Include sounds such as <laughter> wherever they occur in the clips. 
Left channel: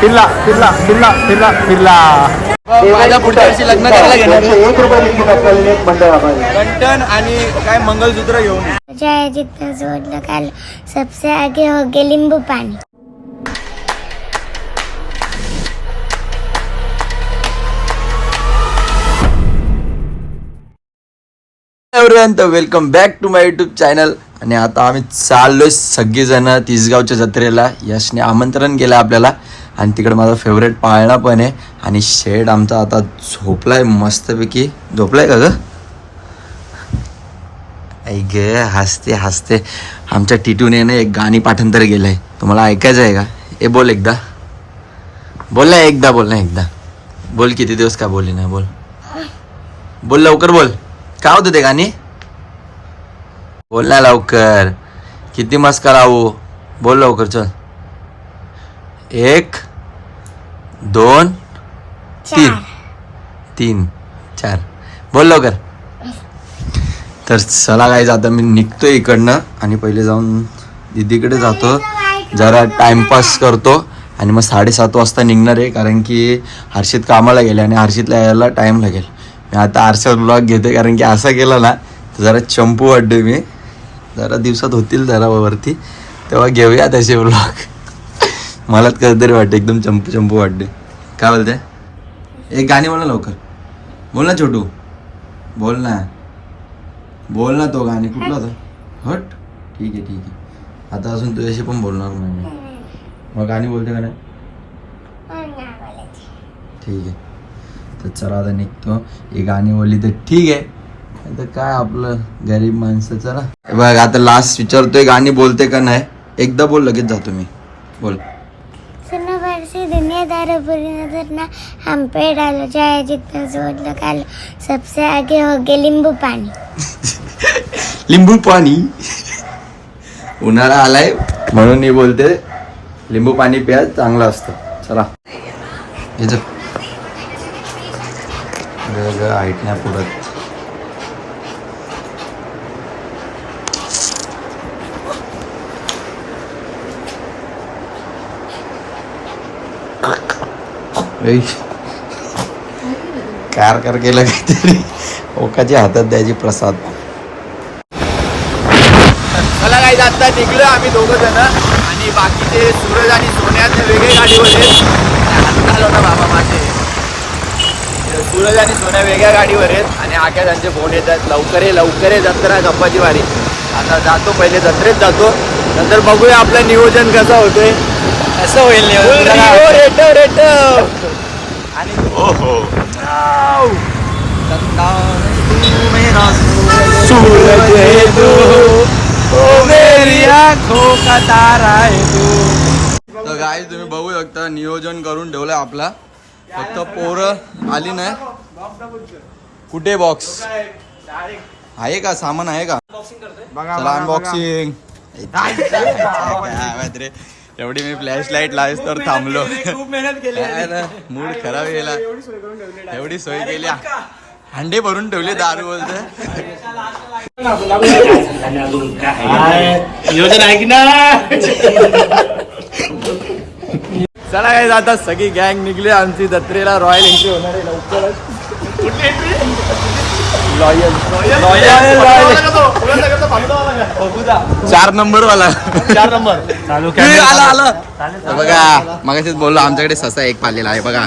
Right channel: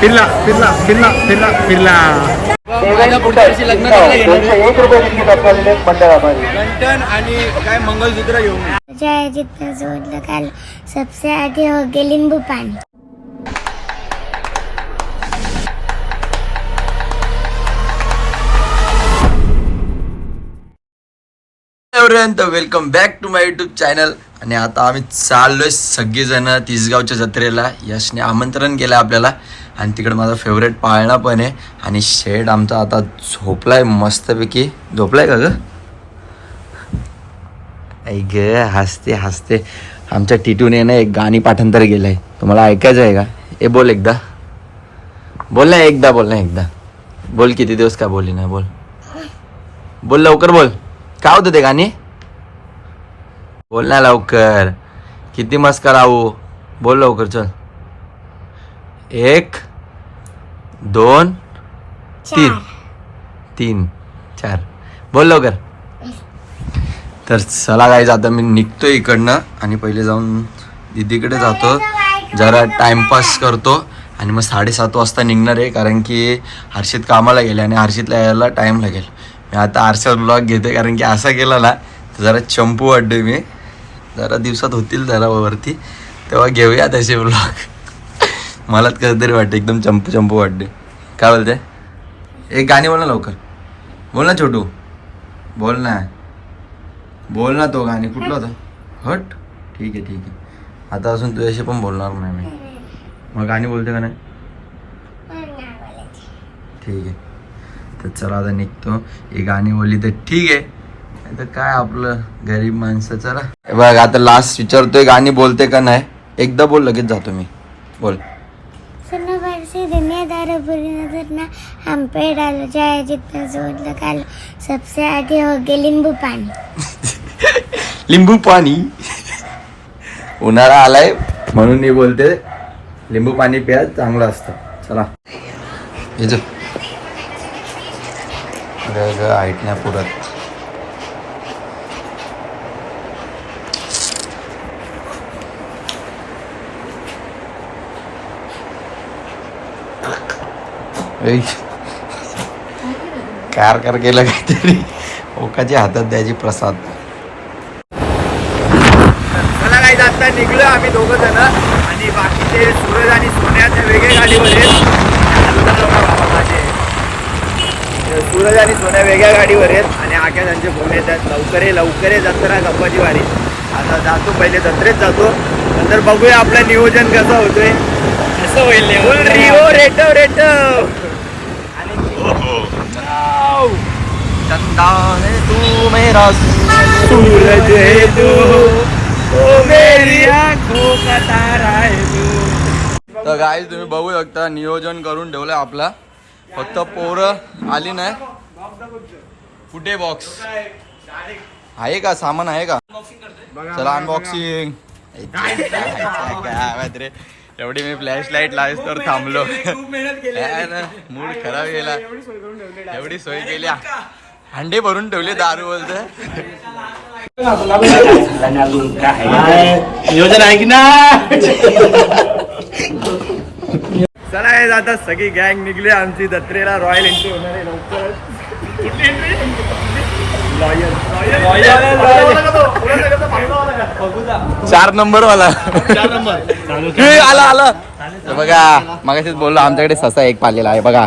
फिरला फिरला फिरला फिरला फिरला. माझ्या पुढच्या लग्न करायला घेणार एक रुपये कंटन आणि काय मंगलसूत्र घेऊन. ये. जितना जोर लगा लो सबसे आगे हो गए नींबू पानी। एव्हरीवन तर welcome back to my YouTube channel आणि आता आम्ही चाललोय सगळीजण तिसगावच्या जत्रेला. यशने आमंत्रण केलं आपल्याला. आणि तिकडे माझा फेवरेट पाळणा पण आहे. आणि शेड आमचा आता झोपलाय मस्तपैकी. झोपलाय का ग? ऐ ग हसते हसते. आमच्या टिटूने ना एक गाणी पाठांतर केलंय. तुम्हाला ऐकायचं आहे का? ए बोल एकदा. बोल ना एकदा बोल ना एकदा. बोल किती दिवस काय बोलली नाही बोल. बोल लवकर बोल. काय होतं ते गाणी? बोल ना लवकर. किती मस्त करावं बोल लवकर चल. एक दोन तीन. तीन चार. बोल लवकर. तर चला काय आता मी निघतो इकडनं आणि पहिले जाऊन दिदीकडे जातो. जरा टाइमपास करतो आणि मग साडेसात वाजता निघणार आहे कारण की हर्षित कामाला गेले आणि हर्षितला यायला टाईम लागेल. मी आता आरशात ब्लॉग घेते कारण की असा केला ना तर जरा चंपू वाटतो मी. जरा दिवसात होतील जरा वरती. तेव्हा घेऊया तसे ब्लॉग मलाच कसं तरी वाटतं एकदम चंपू चंपू वाटते काय बोलते एक गाणी बोल ना लवकर. बोल ना छोटू. बोल ना. बोल ना तो गाणी कुठला होता? हट. ठीक आहे ठीक आहे. आता अजून तुझ्याशी पण बोलणार नाही मी. मग गाणी बोलते का नाही? ठीक आहे. तर चला आता निघतो. ही गाणी बोलली तर ठीक आहे. तर काय आपलं गरीब माणसं चला. बघ आता लास्ट विचारतोय गाणी बोलते का नाही? एकदा बोल लगेच जातो मी. बोल. सुनो बरसी दुनियादार बुरी नजर ना. हम पे डालो जय जितना जोड़ लगा लो सबसे आगे हो गए नींबू पानी. <laughs> लिंबू पाणी उन्हाळा आलाय म्हणून मी बोलते लिंबू पाणी प्या चांगलं असतं. चला. हे चल ग ऐक नाही पुरत कार कार केलं काहीतरी. ओकाच्या हातात द्यायची प्रसाद. चला काय आता. निघलो आम्ही दोघं जण. आणि बाकीचे सूरज आणि सोन्यात वेगळे गाडीवर आहेत. अजून ना बाबा माझे. सूरज आणि सोन्या वेगळ्या गाडीवर आहेत. आणि आख्या त्यांचे फोन येतात. लवकर ये लवकर ये जत्रा गप्पाची वारी. आता जातो पहिले जत्रेत जातो. नंतर बघूया आपलं नियोजन कसं होतोय. कसं होईल रेटव रेटव तू मेरा सूरज है तू तारा गाय तुम्ही बघू शकता नियोजन करून ठेवलंय आपला. फक्त पोरं आली नाही. कुठे बॉक्स आहे का? सामान आहे का? चला अनबॉक्सिंग रे एवढी मी फ्लॅश लाइट लावेस तर थांबलो. मूड खराब गेला. एवढी सोय केली. हांडे भरून ठेवले दारू बोलते नियोजन आहे की ना? चला काय आता सगळी गँग निघली आमची जत्रेला रॉयल एंट्री होणार आहे लवकरच. लॉयल चार नंबर वाला. आला आला. बघा मगाशीच बोललो आमच्याकडे ससा एक पालेला आहे बघा.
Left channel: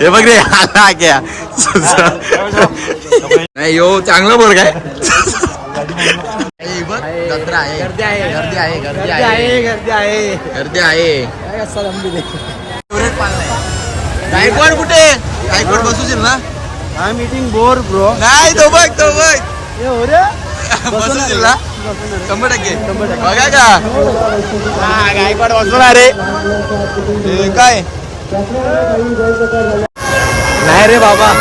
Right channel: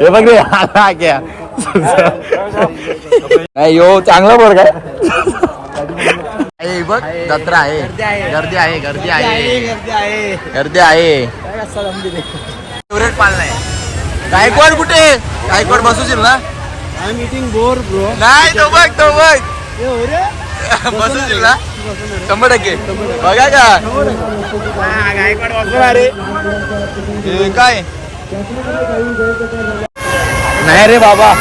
हे बघ रे आला क्या? ससा. नाही यो चांगला बोर काय बघ जत्रा आहे. गर्दी आहे गर्दी आहे. गर्दी आहे. फेवरेट पालना आहे. गायकवाड कुठे? गायकवाड बसूशील ना? आय मीटिंग बोर ब्रो नाही तो बघ तो बघ. बसूशील ना? शंभर टक्के. बघा का? गायकवाड आहे. हे काय? नाही रे बाबा.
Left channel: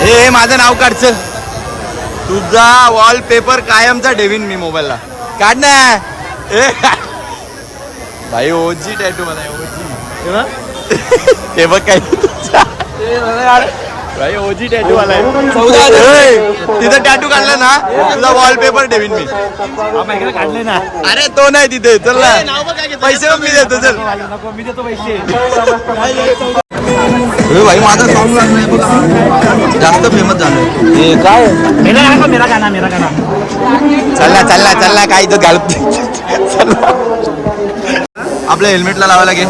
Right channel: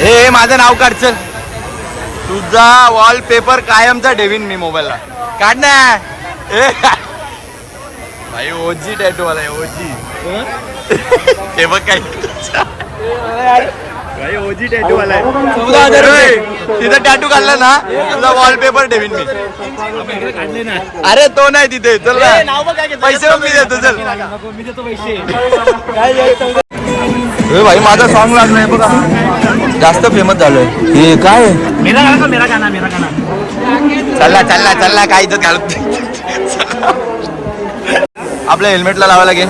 हे माझं नाव काढ चल तुझा वॉलपेपर कायमचा ठेवीन मी मोबाईलला. काढ ना भाई ओजी टॅटू मला ओजी हे बघ काय भाई ओजी टॅटू आलाय तिथं टॅटू काढला ना तुझा वॉलपेपर ठेवीन मी. अरे तो नाही तिथे. चल ना. पैसे पण मी देतो चल. <laughs> ए भाई माझा सॉन्ग लागलाय बघा. जास्त फेमस झालोय. चलना चलना चलना काय इथं चलना. आपल्या हेल्मेटला लावायला घे.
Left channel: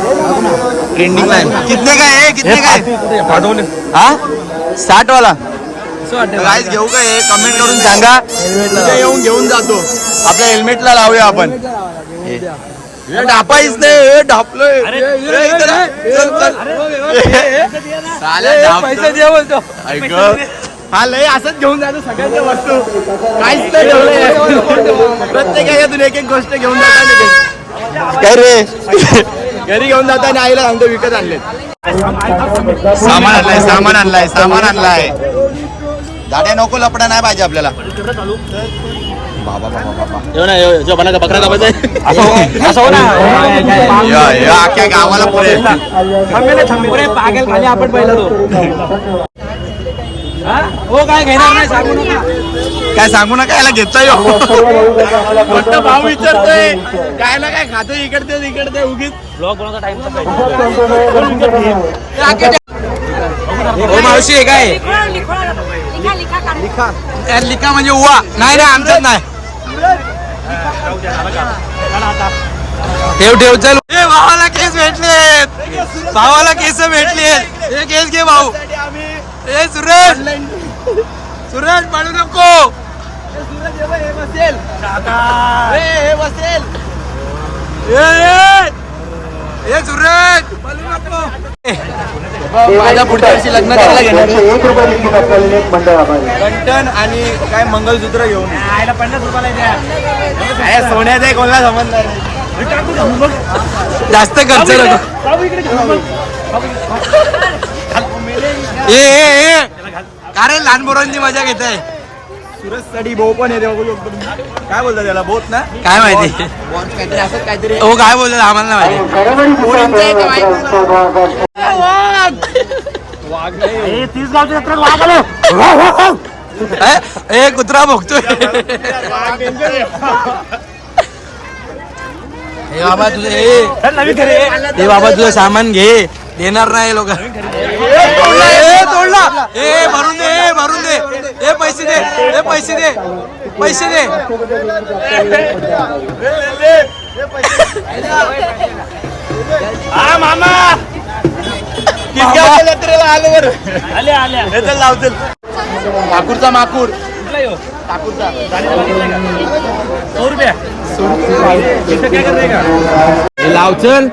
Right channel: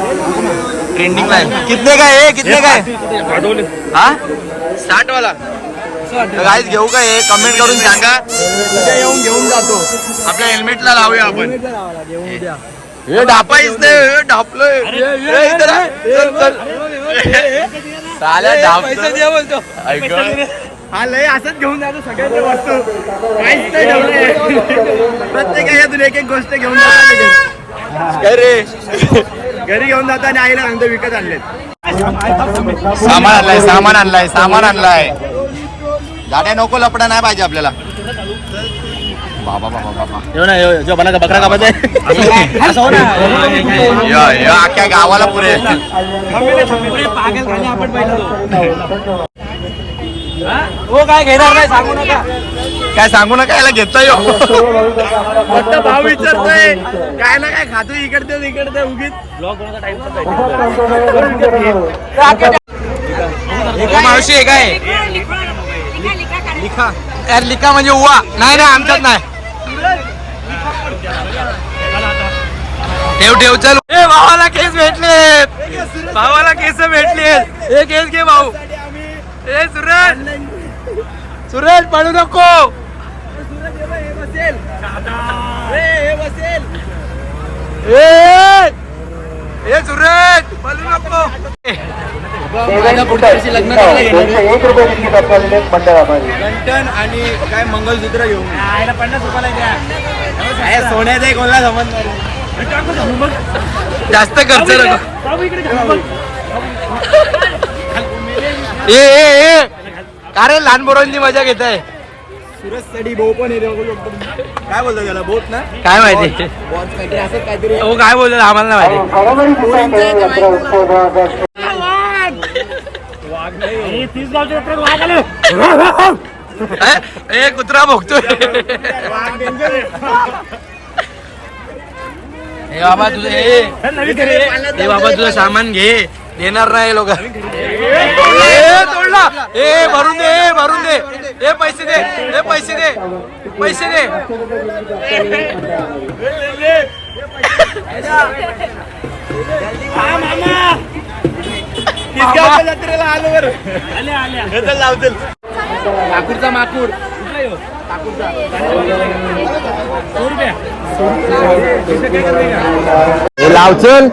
ट्रेंडिंग लाईन कितने काय हे कितने काय हा? साठ वाला गाईज घेऊ का हे? कमेंट करून सांगा. येऊन घेऊन जातो आपल्या हेल्मेटला लावूया आपण. हे. ढापाईच नाही हे <laughs> साल्या ऐक हा लय असंच घेऊन जातो सगळ्यांच्या वस्तू. काहीच नाही ठेवलंय. प्रत्येकाच्यातून एक एक गोष्ट घेऊन जातात घरी. घेऊन जाता आणि आईला सांगतो विकत आणले सामान आणलाय सामान आणलाय सामान आणलाय. गाड्या नको लपडा नाही पाहिजे आपल्याला. बाबा बाबा बाबा. <laughs> या, या, अख्ख्या गावाला पुरे. पागल खाली आपण पहिला हो? काय घेणार नाही सांगू नका. काय सांगू नका याला घेता येऊ फक्त भाव विचारतोय. काय ना काय खातो इकडते इकडते उगीच ब्लॉग टाइम हो मावशी हे काय? यार लिका म्हणजे उवा. नाही नाही आमच्यात नाही. ठेव ठेव चल. ए भावाला केस भेटले भावाला केस भेटले हे केस घे भाऊ. ए सुरेश. सुरेश पडू नको. ए, ए, सुरेश पडू नको. माझ्या पुढच्या वर्षी लग्न करायला घेणार कंटन आणि काय मंगलसूत्र घेऊन ये. आयला पन्नास रुपयाला द्या. सोन्याचा कोणाला समजणार जास्त खर्च नको. ए ए ए. का रे लहान पोरांची मजा घेत आहे सुरजसाठी भाऊ पण येते बघू शकतो तुम्ही. काय बोलतात त्याला? बोत ना? काय माहिती? काहीतरी असं काहीतरी हो काय बोलतात आम्हाला नाही माहिती. तीस गावच्या जत्रेत वाघ आलो ए कुत्रा भोगतोय. हे बाबा तुझे ए. हे बाबा तुझं सामान घे. देणार नाही लोक. ए तोडला. ए भरून दे ए भरून दे. ए पैसे दे ए पैसे दे. पैसे दे. हा मामा. आल्या माकूर. कुठला येऊ सौ रुपया इथं काय करते का? हे लाव चल.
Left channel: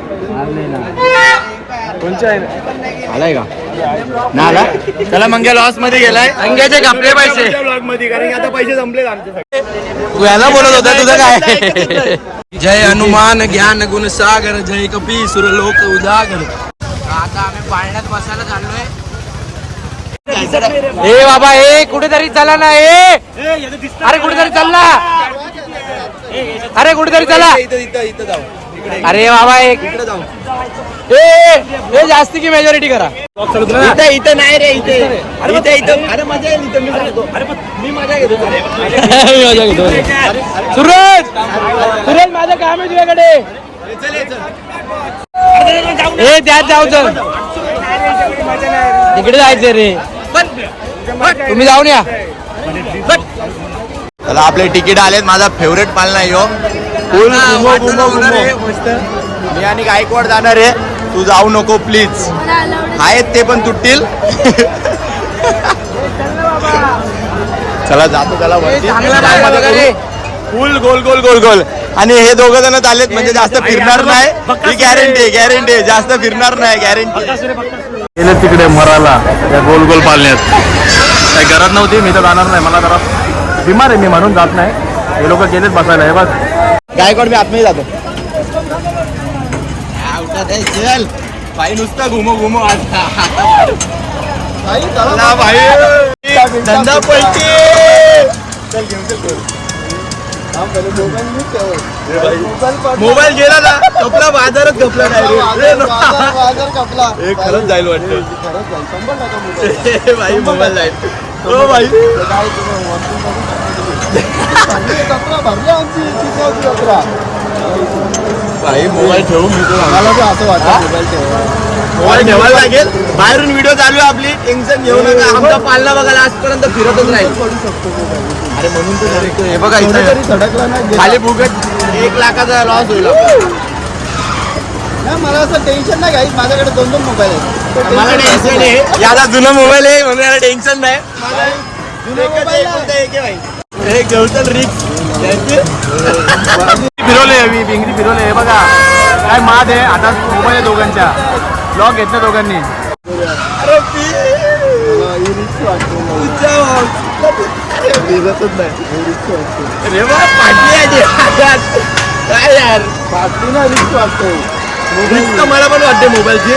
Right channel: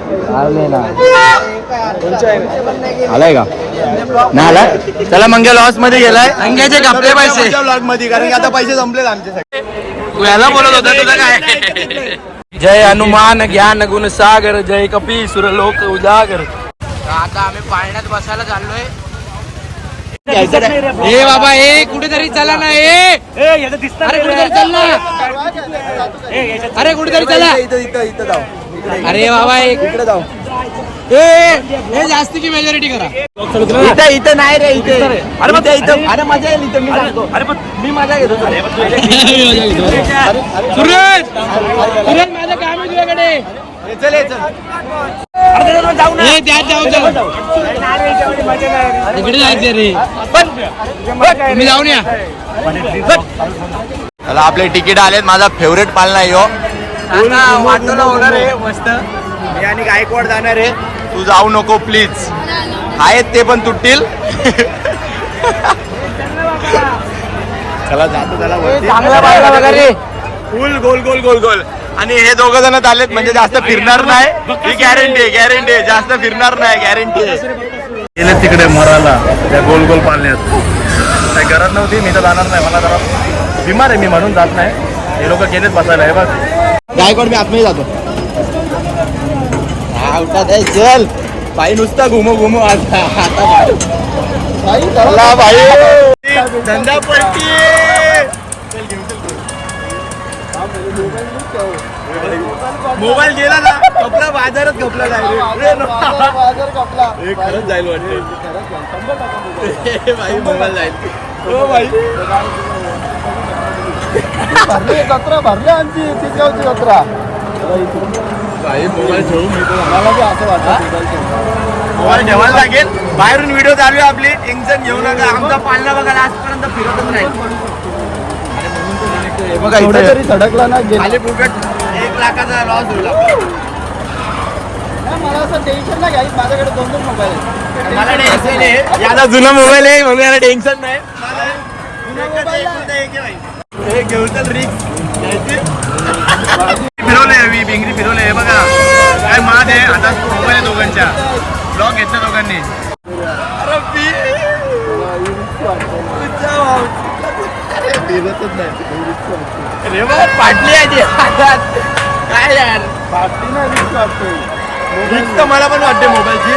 आलाय का? नाही आला चला मंग्या लॉसमध्ये गेलाय. अंग्याचे कापले पैसे. ब्लॉगमध्ये कारण की आता पैसे संपले आमचे तू याला बोलत होता तुझं काय? <laughs> जय हनुमान ज्ञान गुण सागर जय कपी सुर लोक उजागर. आता आम्ही पाळण्यात बसायला चाललोय. ए बाबा ए कुठेतरी चला ना ए. अरे कुठेतरी चल. अरे कुठेतरी चला. इथं इथं इथं जाऊ. अरे बाबा एक इकडे जाऊ. ए जास्ती की मेजॉरिटी करा. इथं इथं नाही रे इथे. अरे मग इथं अरे मजा येईल इथं मी सांगतो. अरे पण मी मजा घेतो सुरेश! सुरेश माझं काम आहे तुझ्याकडे. ए त्यात जाऊ इकडे जायचं रे. तुम्ही जाऊन या. चला आपले तिकीट आलेत. माझा फेवरेट पालना आहे. यो मस्त. मी आणि गायकवाड जाणार आहे. तू जाऊ नको प्लीज आहेत ते पण तुटतील. <laughs> चला जातो त्याला वरती. फुल गोल गोल गोल गोल. आणि हे दोघं जण आलेत म्हणजे जास्त फिरणार नाही. ही गॅरंटी गॅरंटी जास्त फिरणार नाही गॅरंटी गेले तिकडे मराला. त्या गोल गोल पालण्यात काही गरज नव्हती मी तर जाणार नाही. मला जरा बिमार आहे मी म्हणून जात नाही. हे लोक गेलेत बसायला हे बस गायकवाड मी आतमध्ये जातो. हा, चल. भाई नुसता घुमो घुमो. आता भाई. धंदा पलटी. चल घेऊन चल. मोबाईल गेला ना कपला बाजारच कपला हे खरंच जाईल वाटतं. भाई मोबाईल जाईल हो भाई. भाई मोबाईल ठेवू मी तो. मोबाईल ठेवायला लागेल? बाहेरून व्हिडिओ चालू आहे आपली. टेन्शन घेऊ नका. आमचा पालना बघायला आजपर्यंत फिरतच राहील अरे म्हणून ते हे बघा इथं. खाली फुकट एक लाखाचा लॉस होईल. मला असं टेन्शन नाही घ्यायचं माझ्याकडे दोन दोन मोबाईल आहेत मला टेन्शन आहे. याला जुना मोबाईल आहे म्हणून टेन्शन नाही. एकच एक आहे. हे घेऊन रिक्स फिरवले मी भिंगरी फिरवले हे बघा. काय माद आहे. आता मोबाईल आहे दोघांच्या. ब्लॉग घेतला दोघांनी. अरे नाही बा पाटली आहे काय यार? पाठीला रिस्क वाटतो रिक्स तर मला पण वाटते मोबाईलची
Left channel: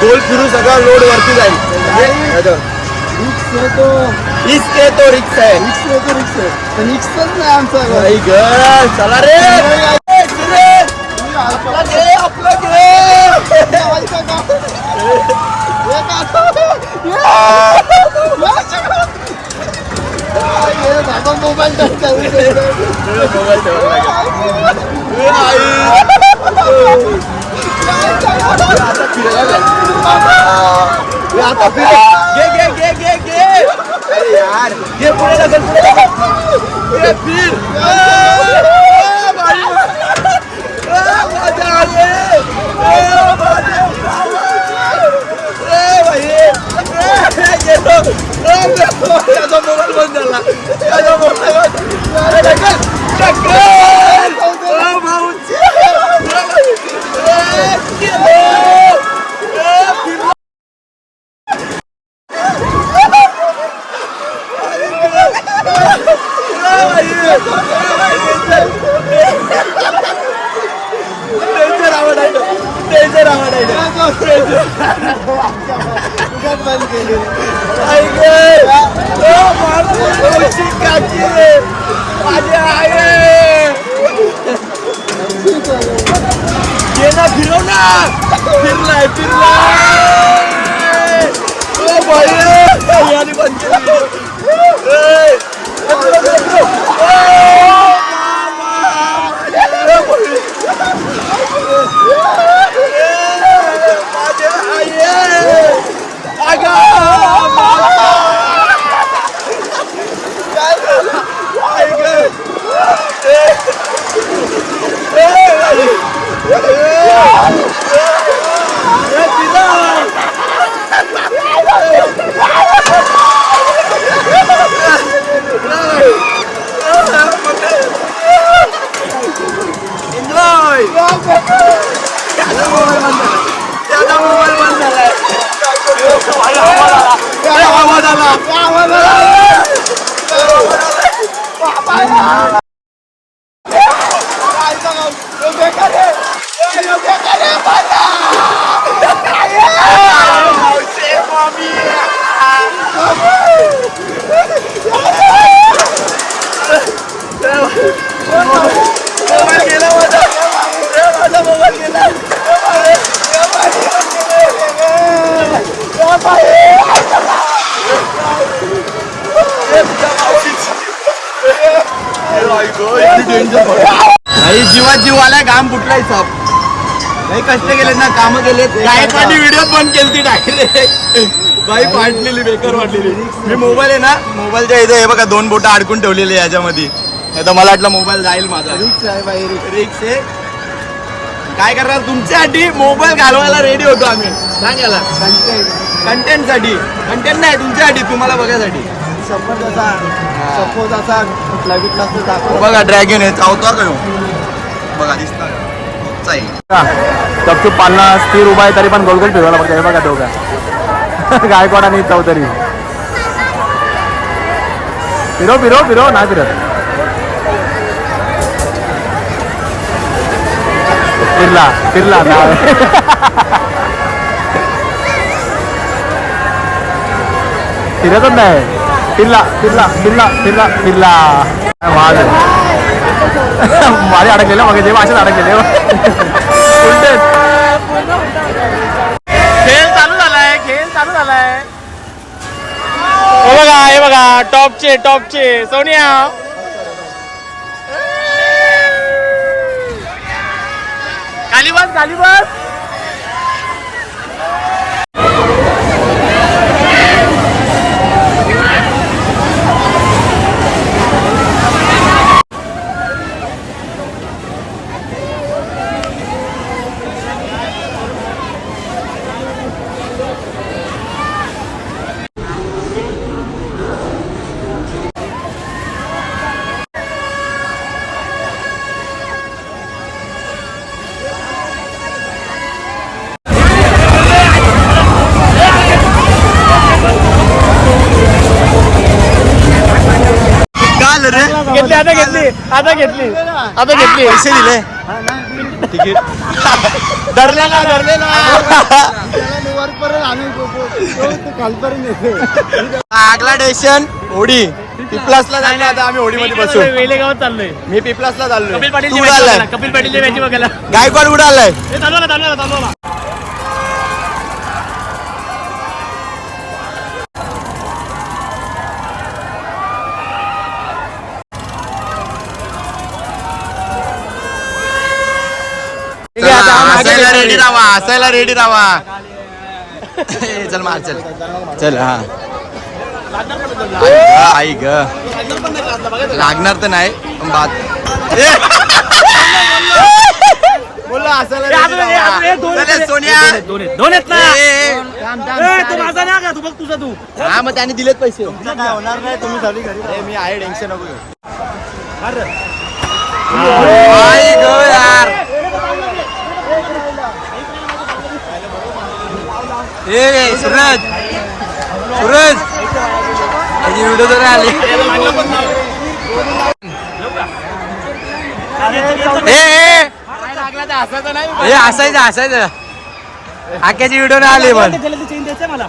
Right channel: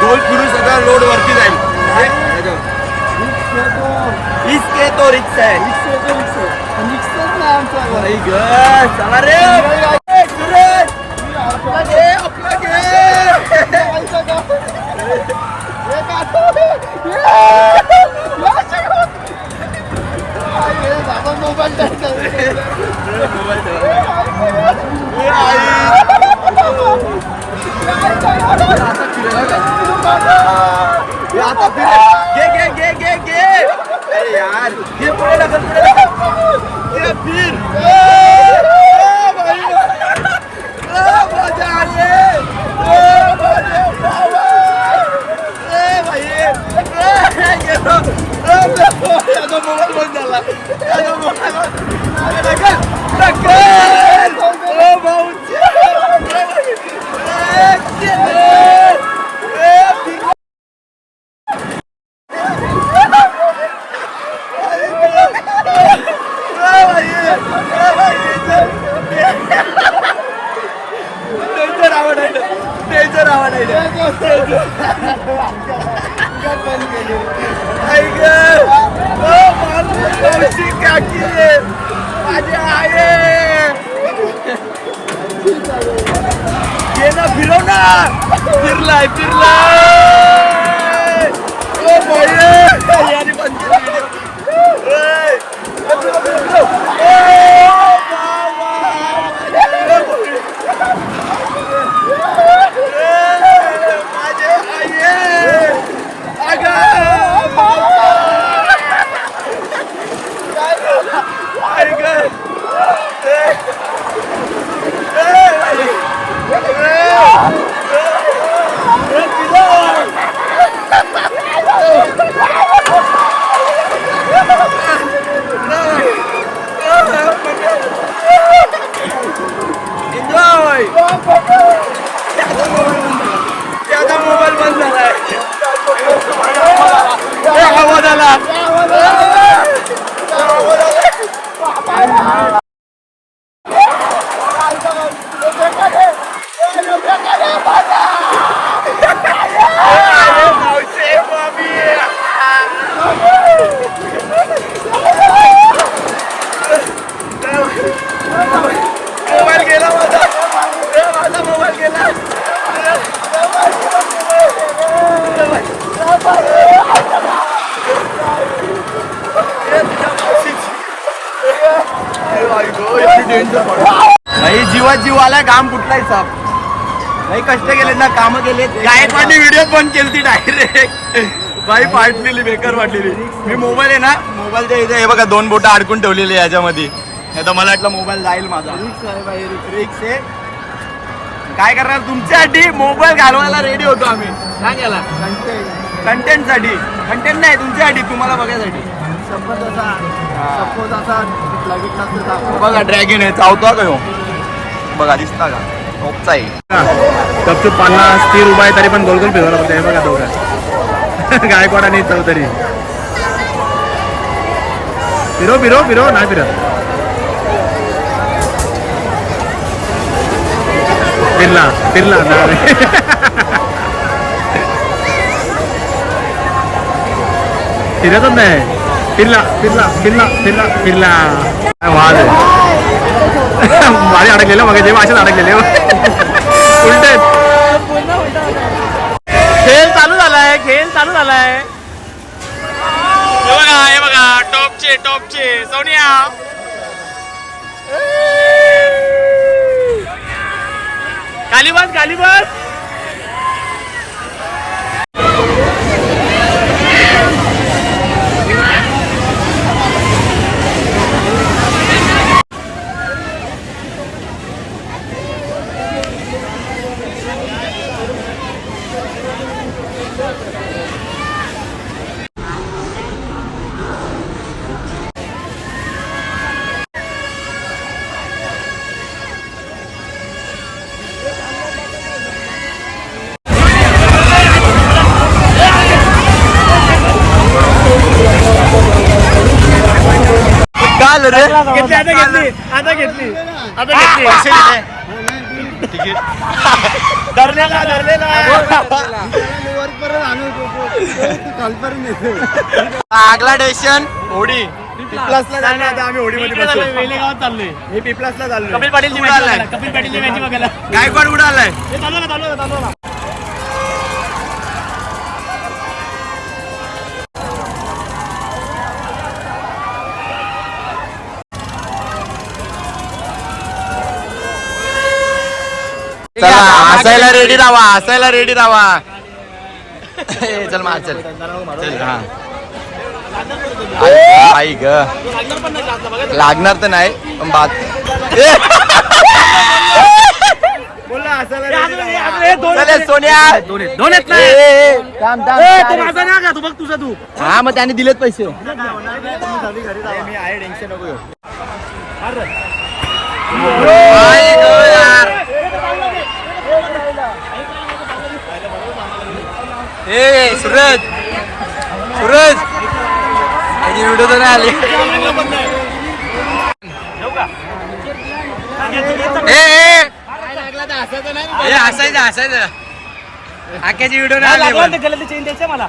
गोल फिरू सगळा लोड वरती जाईल म्हणजे रिक्स येतो आहे तो. रिक्स आहे रिक्स येतो रिक्स पण रिक्सच नाही आमचा ग चला रे आपला घे आपला घे मोबाईल मोबाईल ठेवायला लागेल ए, आई. ए, आता फिरायला लागेल. ए, आता फिरे घे घे घे घे घे अरे यार घे पुढे ढकल पुढे ढकल घे फिर ए, ए, भाई ए, मजा आली ए, मजा ए, भाई ए, गेलो ए, गेलो. याचा मोबाईल बंद झाला याचा मोबाईल बंद ए, ढकल ढकल ओ भाऊची ए, गेलो ए, फिरलो. टेन्शन आवडायचं टेन्शन आवडायचं ऐक ओ बापू मावशी काकी माझी आहे ये ना फिरव ना फिरलाय फिरलाय ओ बाई याने बंद केली video. ए, फिरव, फिरव, फिरव. ओ, बाबा, ए, माझे आई अगा मावसा ऐक ए, ए, बाई. ए, ए, फिरव. एन्जॉय त्याचा मोबाईल बंद झाला त्याचा मोबाईल बंद झाला ए, आवाज आला अरे, मावशी, मम्मी. मोबाईल गेला माझा ए, माझा मोबाईल गेला नाही जीवात जीव आलाय घाम फुटलाय साप काही कष्ट केले ना काम केले गायकवाडी व्हिडिओ पण केली डायरेक्ट बाई फाटलेली बेकार वाटलेली. मी मोबाईल आहे ना मोबाईलच्या इथं हे बघा दोन बोटं अडकून ठेवलेली आहे याच्यामध्ये. नाही तर मला वाटलं मोबाईल जाईल माझा. रिक्स आहे बाई रिक्स. आहे. काय करणार? तुमच्यासाठी मोबाईल घालवायला रेडी होतो आम्ही. सांगायला. कंटेंटसाठी. कंटेंट नाही तुमच्यासाठी तुम्हाला बघायसाठी. सपोज असा सपोज असा कुठला बिटला असतो बघा ड्रॅगन आहे चावतो का? बघा दिसता का? पालना स्थिर उभा आहे तरी पण गोल गोल फिरवला बघा हे बघा दोघं. गायकवाड आणि चौधरी फिरो फिरो फिरो नाही फिरत फिरला फिरला नाही फिरतच नाही फिरला फिरला फिरला फिरला फिरला काय वाद आहे माझे अडकलेलं मग जेव्हा असेच अडकलेले उलटे चालू झालाय. हे बघा हे बघा टॉपचे टॉपचे. सोनिया. खाली बस झालं रे. घेतली आता घेतली आता घेतली. आता घेतली. पैसे दिले. धरलेला धरलेला. आगला स्टेशन होडी पिपलासला जायला आता आम्ही होडीमध्ये बसू वेले गावात चाललोय. मी पिपलासला चाललो कपिल पाटील कुठं आलाय? कपिल बघायला. गायकवाड कुठं आलाय? हे चालू ना चालू ना चालू ना. हसायला रेडी राहा हसायला रेडी राहा चल मार चल. चल हा. आई ग आई ग. लागणार तर नाही पण बात. <laughs> बोलला हसायला ready राहा. चल, सोन्या. दोन आहेत दोन आहेत ना. ए, ए, थांब, थांब, ए, थांब. तो माझा ना का? तू बघ तुझा तू. हा मग त्याने दिलेत पैसे. काय होणार नाही तुम्ही चालू घरी ए, मी आहे टेन्शन नको घेऊ. आई ग यार. ए सूरज. सूरज. त्याची व्हिडिओ तर आले. असायचं असायचं ए व्हिडिओ नाही आली पण. मला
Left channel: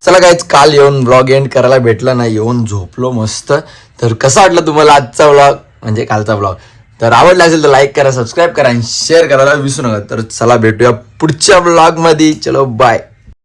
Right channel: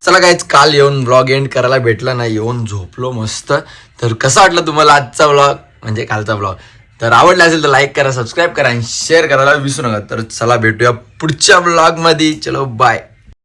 चला काहीच काल येऊन ब्लॉग एंड करायला भेटला नाही येऊन झोपलो मस्त. तर कसा वाटला तुम्हाला आजचा ब्लॉग म्हणजे कालचा ब्लॉग तर आवडला असेल तर लाईक करा सबस्क्राईब करा आणि शेअर करायला विसरू नका. तर चला भेटूया पुढच्या ब्लॉगमध्ये चलो बाय